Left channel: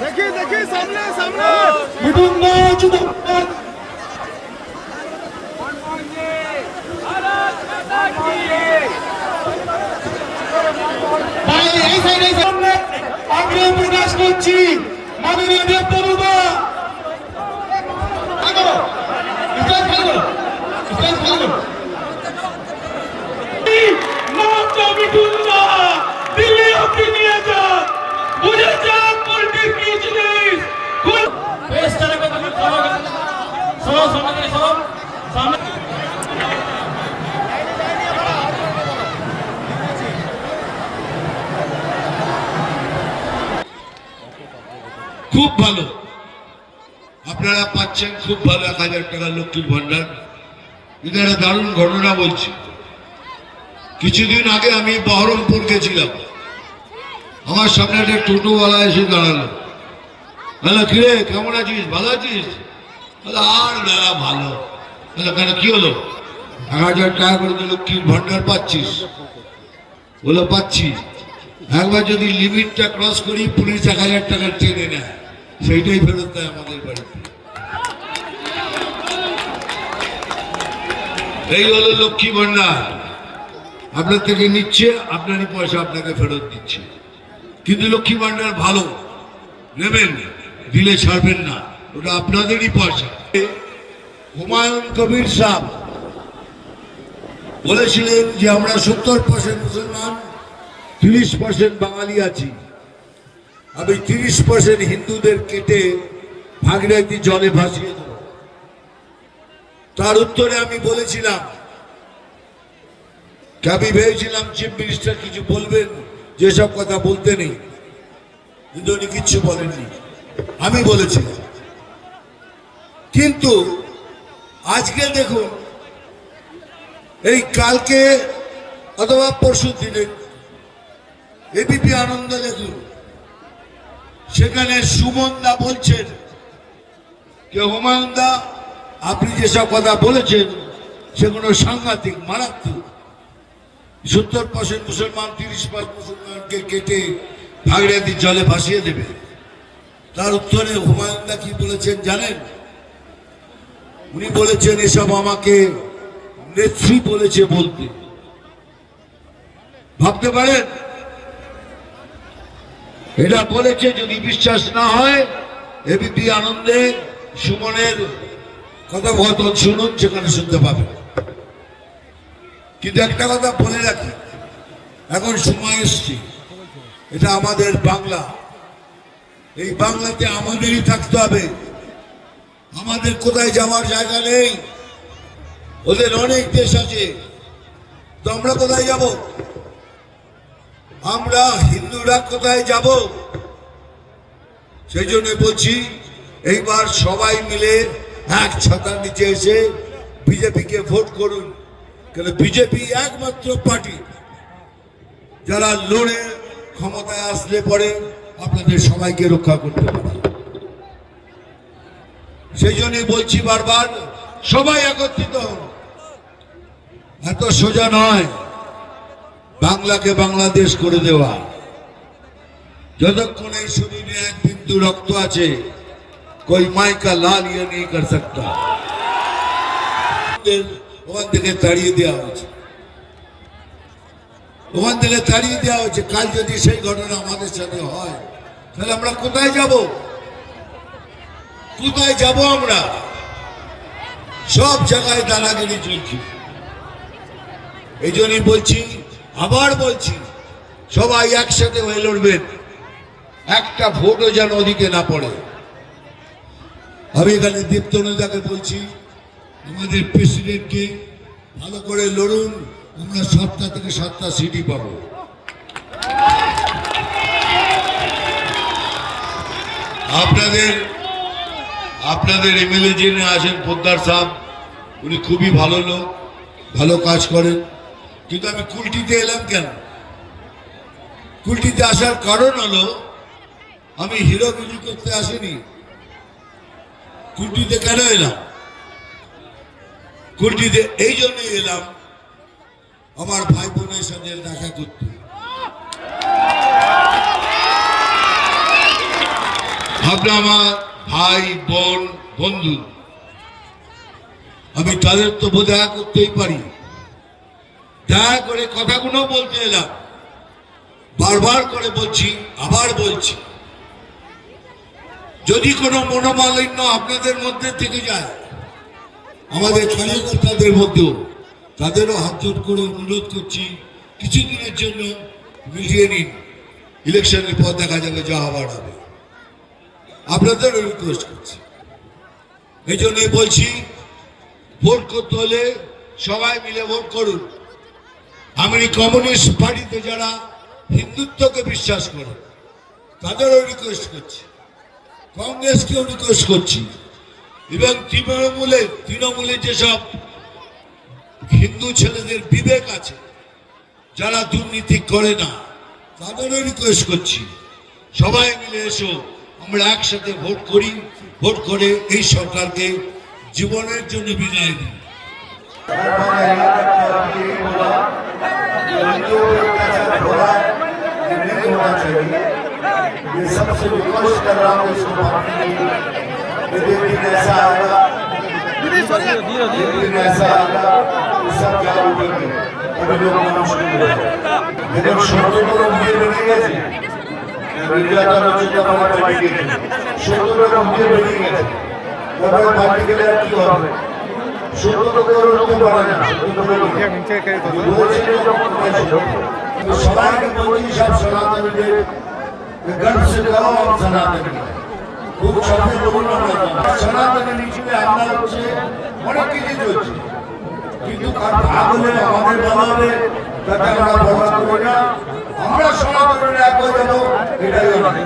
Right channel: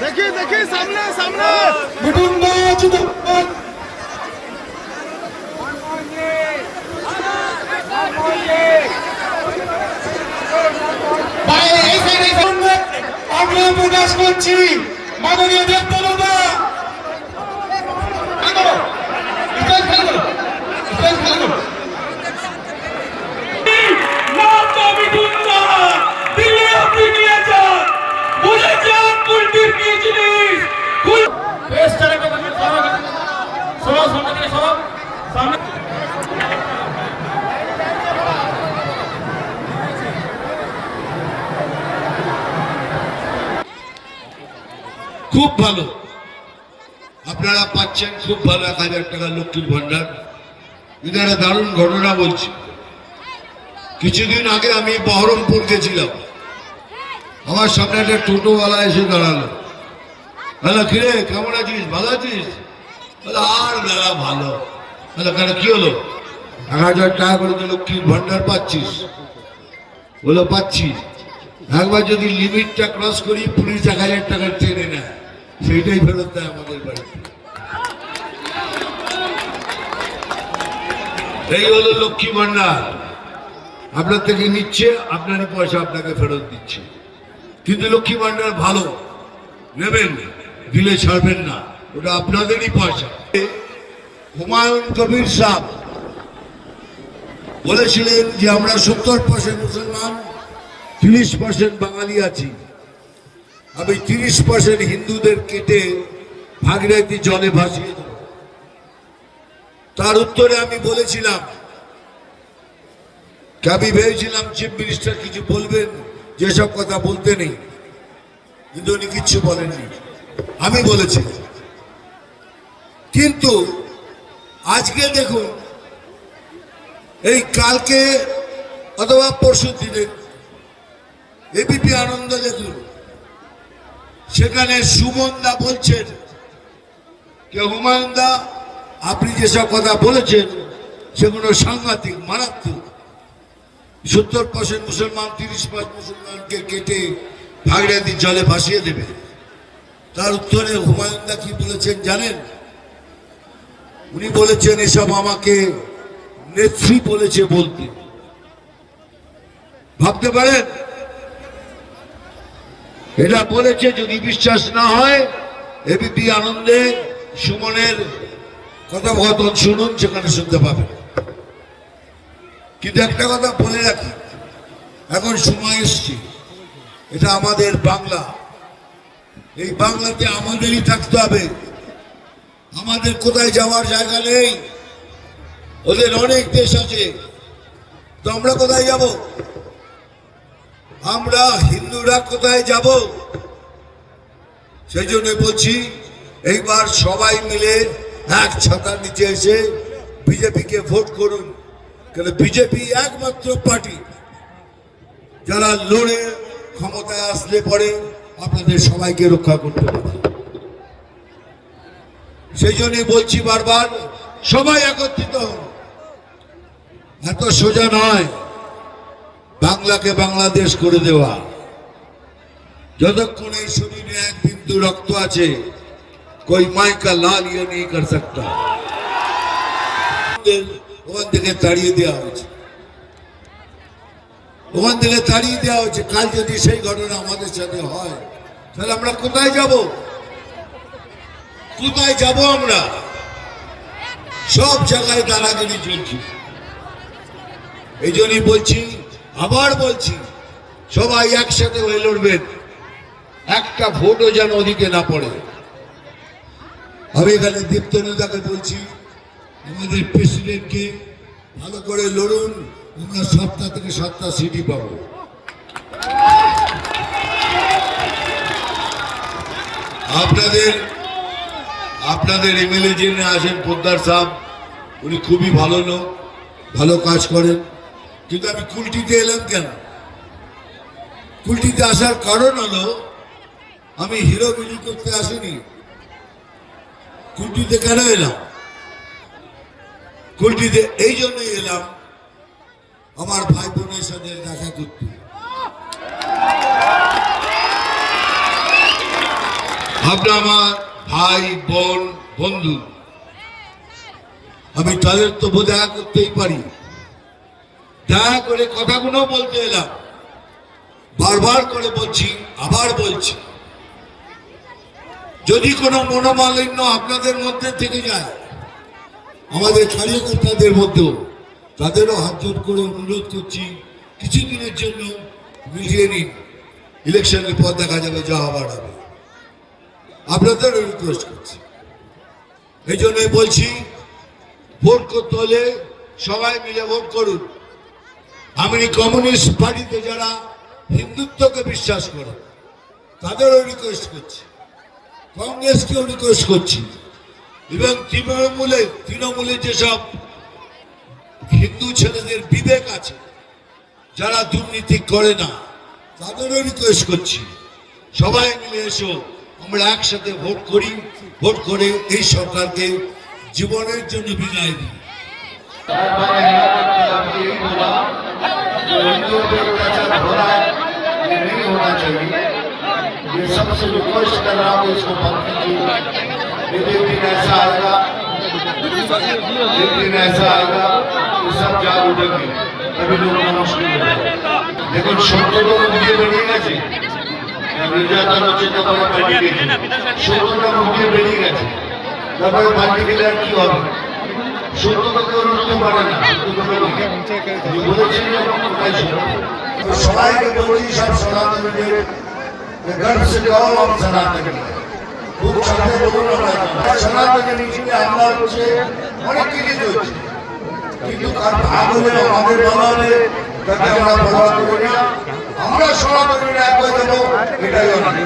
देखिए सामने सामने আমরা প্রকাশ করছি মাননীয় নেতৃত্বে খুব ভালো আপনারা পাচ্ছেন, খুব ভালো 1000 টাকা লক্ষ্মীর ভান্ডার। কিন্তু একটা দারুণ ঘটনা বলছি। কিছুদিন আগে আমি বহরমপুর গেছিলাম, আমার সামনে একটা টোটোওয়ালা এসে দাঁড়ালো, বললো কিরে কেমন আছিস, ভালো আছিস? আর দাঁড়া ভালো। কেন কি হলো? 1000 টাকা করে লক্ষ্মীর ভান্ডার পাচ্ছিস? বলে পাচ্ছি। একবার যদি লিমিটটা ক্রস করি পুলিশ 1000 টাকা টেনে নেয়, সেইটাই ফেরত দেয় আমাদের বাড়িতে। এই হলো লক্ষ্মী ভান্ডার। আপনার থেকে নিচ্ছে, আপনারই পয়সা আপনাকে ফেরত দিচ্ছে। কিন্তু লক্ষ্মী ভান্ডার ভালো, নেবেন, দিলে ছাড়বেন না, ওটা আপনাদেরই পয়সা। হুমায়ুন কবির সাহেব বলেছিলেন যে আমরা 70% মুসলমান, 30% বাঙালি আছি। আমি 30% হিন্দুদের কেটে ভাগীরথী জলে ভাসিয়ে দেব। তার উত্তরে আমি বলেছিলাম, আমি ভেবেছিলাম চিফ মিনিস্টার কিছু বলবেন, যেসব কথা বলতে নেই, কিন্তু উনি কিচ্ছু বলেননি, আমি বলেছিলাম। কিন্তু আজকে দেখুন, এই কালকে অথবা পরশু দিনে এবিপি আনন্দ দেখুন, সেখানে সুমন দা বলছেন যে হুমায়ুন দা আপনি যেসব কথা বলেছেন সেগুলো সাংঘাতিক, মারাত্মক। 70% মুসলমান, 30% মুসলমানকে কেটে ভাগীরথী জলে ভাসিয়ে দেবে। তার উত্তরে হুমায়ুন দা কি বলেছেন জানেন? উনি বলেছেন এসব আমাকে নেত্রী বলেছে বলতে। ভাবতে পারেন? এটা বলেছে। যদি বিশ্বাস না হয় এবিপি আনন্দে সুমনের কথোপকথন শুনুন, সেখানে শুনতে পাবেন। কিন্তু একটা কথা বলে রাখি, এখন সময় এসছে, এটা আমাদের বাংলা, এই বাংলাতে আমাদেরই থাকতে হবে। আমাদের কোথায় যাওয়ার জায়গা নেই, ওদের অনেক দেশ আছে, তো আমরা কোথায় যাব? আমরা হিন্দুরা কোথায় যাব? সেই জন্য বলছি, এইবার সবাই মিলে এক ছাতার নিচে এসে বিজেপিকে ভোট করুন। কেন বিজেপি একমাত্র পার্টি যারা লড়ে ক্ষমতায় আসলে পরে আপনাদের সবাইকে রক্ষা করতে পারে। সেই জন্যই বলছি বারবার, সবাই একত্রিত হন। এত সোজা নয় বাংলাকে বাংলাদেশ করে দেওয়া। যতক্ষণ এই শরীরে এক বিন্দু রক্ত আছে, कोई माई का लाल ये नहीं कर सकता। ওখান থেকে তাড়িয়ে দেওয়া হয়েছে, ওখান থেকে তাড়িয়ে দেওয়া হয়েছে। কাল যদি সেই ঘটনা আমাদের সাথে হয়, তাহলে আমরা কোথায় যাব? কোথায় যাব? আমরা সব জায়গায় দাদাগিরি চলছে। এই জন্যই বলছি, আবার বলছি, সবাই একসাথে হয়ে লড়বেন, একটা ভোটও যেন ওদিকে না পড়ে। আমি এখানে দীপ্তনুদাকে বলছি, আমাদের প্রেসিডেন্টকে ভালো করে লড়ুন, আমরা 7টা থেকে 7টা সিটই পাবো। আপনাদের এমএলএ যিনি আছেন পোদ্দার সাহেব, উনি খুবই ভালো লোক, ভালো কাজ করেন। কিন্তু আমি কুলটিতে এলাম কেন? কুলটিতে আসার কারণ হলো, আমি হিরোগিরি করতে আসিনি। কুলটিতে কেন এলাম? কুলটিতে এই জন্যই এলাম, আমার ভাই বোনের সাথে দেখা করতে। আপনারা আমার ভাই বোন বন্ধু, আমি তাদের তো দেখা করতেই পারি। দয়া করে কথাগুলো বলতে এলাম, বারবার করে বলছি, আবার বলছি, যদি কোনো মনোমালিন্য আপনাদের মধ্যে থেকে যায়, আমাদের কার্যকর্তাদের মধ্যেও, তাদেরও হাত জোর করে অনুরোধ করছি, কিছুদিনের জন্য মিলিয়ে নিন। ইলেকশনের পর দেখা যাবে যা হবার হবে। আপনাদেরও রিকোয়েস্ট করছি, এই জন্যই বলছি, ভোট করতে হলে সবাই মিলে ভোট করুন। আমি কমিউনিস্ট পার্টিতে যারা হিন্দুত্বকে বিশ্বাস করে তাদেরও রিকোয়েস্ট করছি, কংগ্রেসকেও রিকোয়েস্ট করছি, এবং তৃণমূলে যেসব হিন্দু ছেলেদের বিবেক আছে, যারা দুর্নীতি করে না, তাদেরও রিকোয়েস্ট করছি, সবাই মিলে এসো, আমরা একসাথে ভোট করি, ভোট করে এই সরকারকে জীবনের জন্য বিদায় দিই। मैंने यहाँ तक अभी यही बोला कि हिंदुओं पे अत्याचार हो रहा है, ये नहीं होना चाहिए। ये सबसे रिक्वेस्ट कर रहा हूँ इसको बंद कीजिए। एक दिन ऐसा आएगा कि सब जाग उठेंगे, तभी लोग मुश्किल होगा। लेकिन সত্যটা মুখে বেরিয়ে গেছে, নির্যাতন হচ্ছে তোমার পাল্টে গেছে, সত্যটা মুখে বেরিয়ে গেছে, তারপরে পাল্টে গেলে আর কি হবে? সত্যকে কেউ রুখতে পারে না, বলেছেন যখন ওটাই ছিল। সবাইকে বলছি, সব সনাতনীদের গর্ব সে গাও हम সনাতনী, খুব সামনে বলুন আমরা সনাতনী মিছিলে আমরা হচ্ছে অনেক কিছু চলছে, কিন্তু কার ভাগ হলে আমাদের ভালো হবে তাতে আমরা পরোয়া করি না। আমরা সনাতনীরা এক হয়ে যাবো, এটাই অনেক।